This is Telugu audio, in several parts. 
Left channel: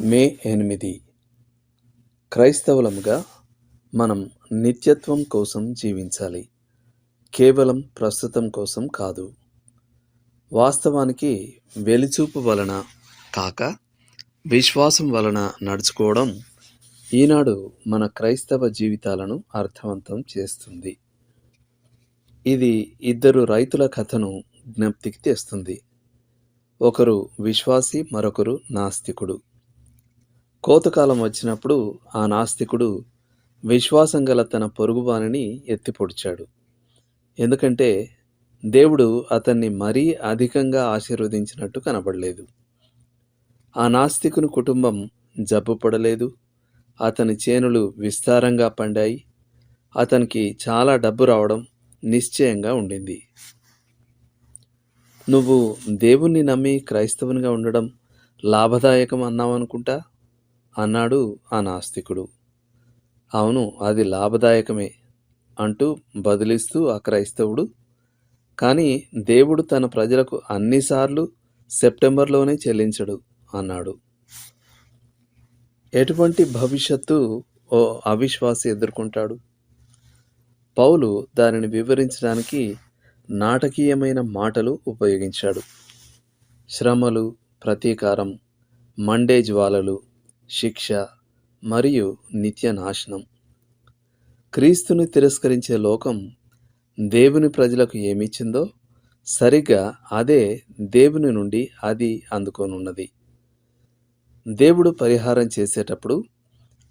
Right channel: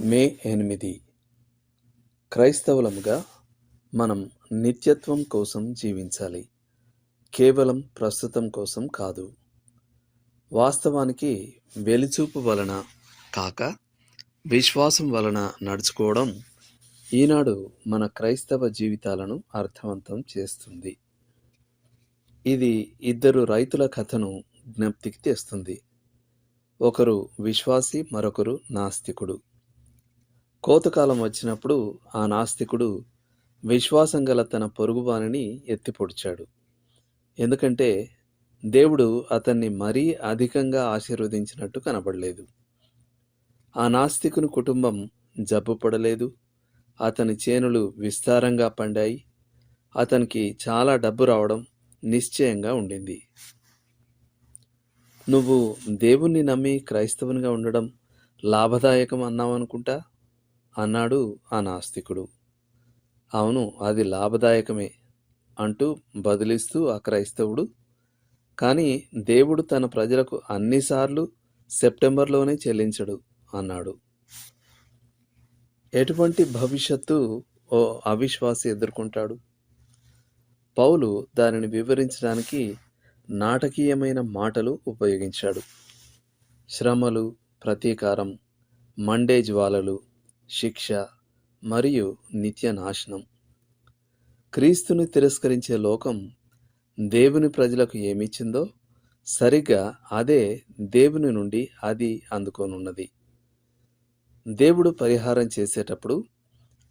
మే ఎనిమిది. క్రైస్తవులముగా మనం నిత్యత్వం కోసం జీవించాలి. కేవలం ప్రస్తుతం కోసం కాదు. వాస్తవానికి వెలిచూపు వలన కాక విశ్వాసం వలన నడుచుకోవడం ఈనాడు మన క్రైస్తవ జీవితాలను అర్థవంతం చేస్తుంది. ఇది ఇద్దరు రైతుల కథను జ్ఞప్తికి తెస్తుంది. ఒకరు విశ్వాసి మరొకరు నాస్తికుడు. కోతకాలం వచ్చినప్పుడు ఆ నాస్తికుడు విశ్వాసం గల తన పొరుగువానిని ఎత్తిపొడిచాడు. ఎందుకంటే దేవుడు అతన్ని మరీ అధికంగా ఆశీర్వదించినట్టు కనబడలేదు. ఆ నాస్తికుని కుటుంబం జబ్బు పడలేదు అతని చేనులు విస్తారంగా పండాయి. అతనికి చాలా డబ్బు రావడం నిశ్చయంగా ఉండింది. నువ్వు దేవుణ్ణి నమ్మి క్రైస్తవునిగా ఉండడం లాభదాయకం అన్నావనుకుంటా? అన్నాడు ఆ నాస్తికుడు. అవును అది లాభదాయకమే అంటూ బదిలిస్తూ ఆ క్రైస్తవుడు. కానీ దేవుడు తన ప్రజలకు అన్నిసార్లు సెప్టెంబర్లోనే చెల్లించడు అన్నాడు. ఎటువంటి భవిష్యత్తు ఓ అవిశ్వాసి ఎదుర్కొంటాడు? పౌలు దానిని వివరించడానికి నాటకీయమైన మాటలు ఉపయోగించాడు. శ్రమలు ప్రతీకారం మండే జ్వాలలు శిక్ష మరియు నిత్య నాశనం. క్రీస్తుని తిరస్కరించే లోకం దేవుని ప్రజలకు ఏమిచ్చిందో సరిగ్గా అదే దేవుని నుండి అది అందుకోనున్నది. దేవుడు పరిహారం చేసేటప్పుడు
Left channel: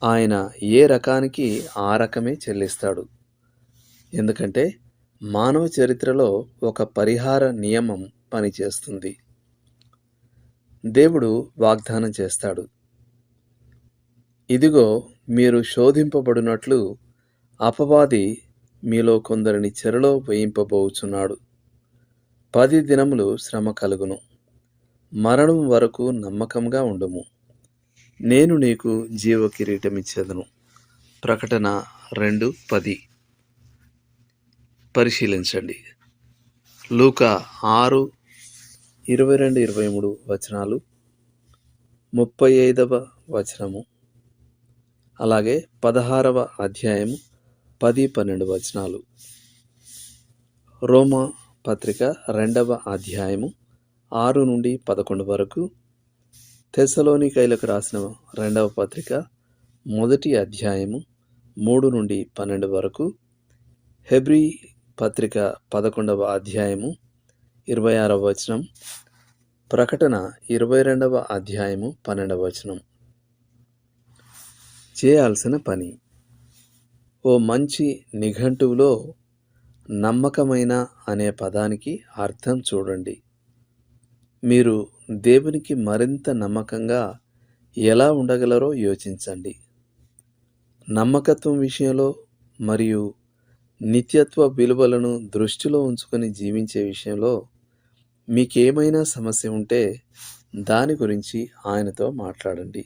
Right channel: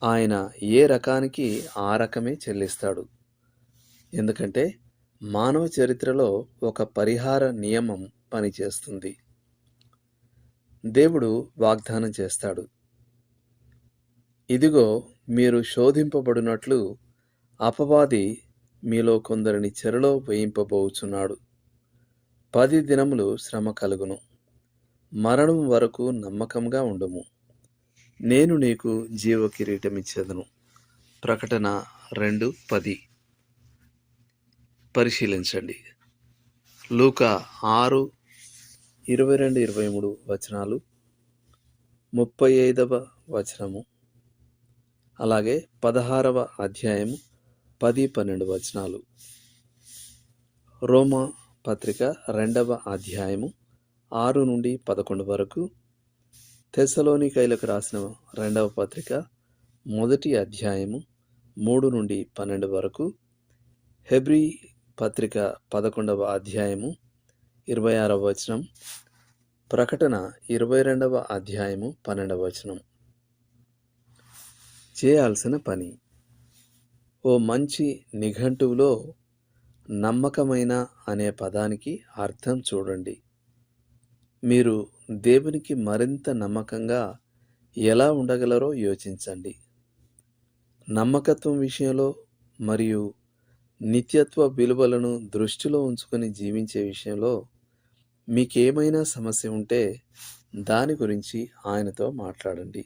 ఆయన ఏ రకానికి ఆ రకమే చెల్లిస్తాడు. ఎందుకంటే మానవ చరిత్రలో ఒక పరిహార నియమం పనిచేస్తుంది. దేవుడు వాగ్దానం చేస్తాడు. ఇదిగో మీరు శోధింపబడినట్లు అపవాది మీలో కొందరిని చెరలో వేయింపబోచున్నాడు. పది దినములు శ్రమ కలుగును. మరణం వరకు నమ్మకంగా ఉండుము. నేను నీకు జీవ కిరీటం ఇచ్చేదను ప్రకటన రెండు పది. పరిశీలించండి. లూక ఆరు ఇరవై రెండు ఇరవై మూడు వచనాలు. ముప్పై ఐదవ వచనము. అలాగే పదహారవ అధ్యాయము పది పన్నెండు వచనాలు. రోమా పత్రిక రెండవ అధ్యాయము ఆరు నుండి పదకొండు వరకు. తెసలోనికైలకు రాసిన రెండవ పత్రిక మొదటి అధ్యాయము మూడు నుండి పన్నెండు వరకు. హెబ్రి పత్రిక పదకొండవ అధ్యాయము ఇరవై ఆరవ వచనం. ప్రకటన ఇరవై రెండవ అధ్యాయము పన్నెండవ వచనం. చేయాల్సిన పని. ఓ మంచి నిఘంటువులో నమ్మకమైన అనే పదానికి అర్థం చూడండి. మీరు దేవునికి మరింత నమ్మకంగా ఎలా ఉండగలరో యోచించండి. నమ్మకత్వం విషయంలో మరియు నిత్యత్వ విలువలను దృష్టిలో ఉంచుకొని జీవించే విషయంలో మీకేమైనా సమస్య ఉంటే దాని గురించి ఆయనతో మాట్లాడండి.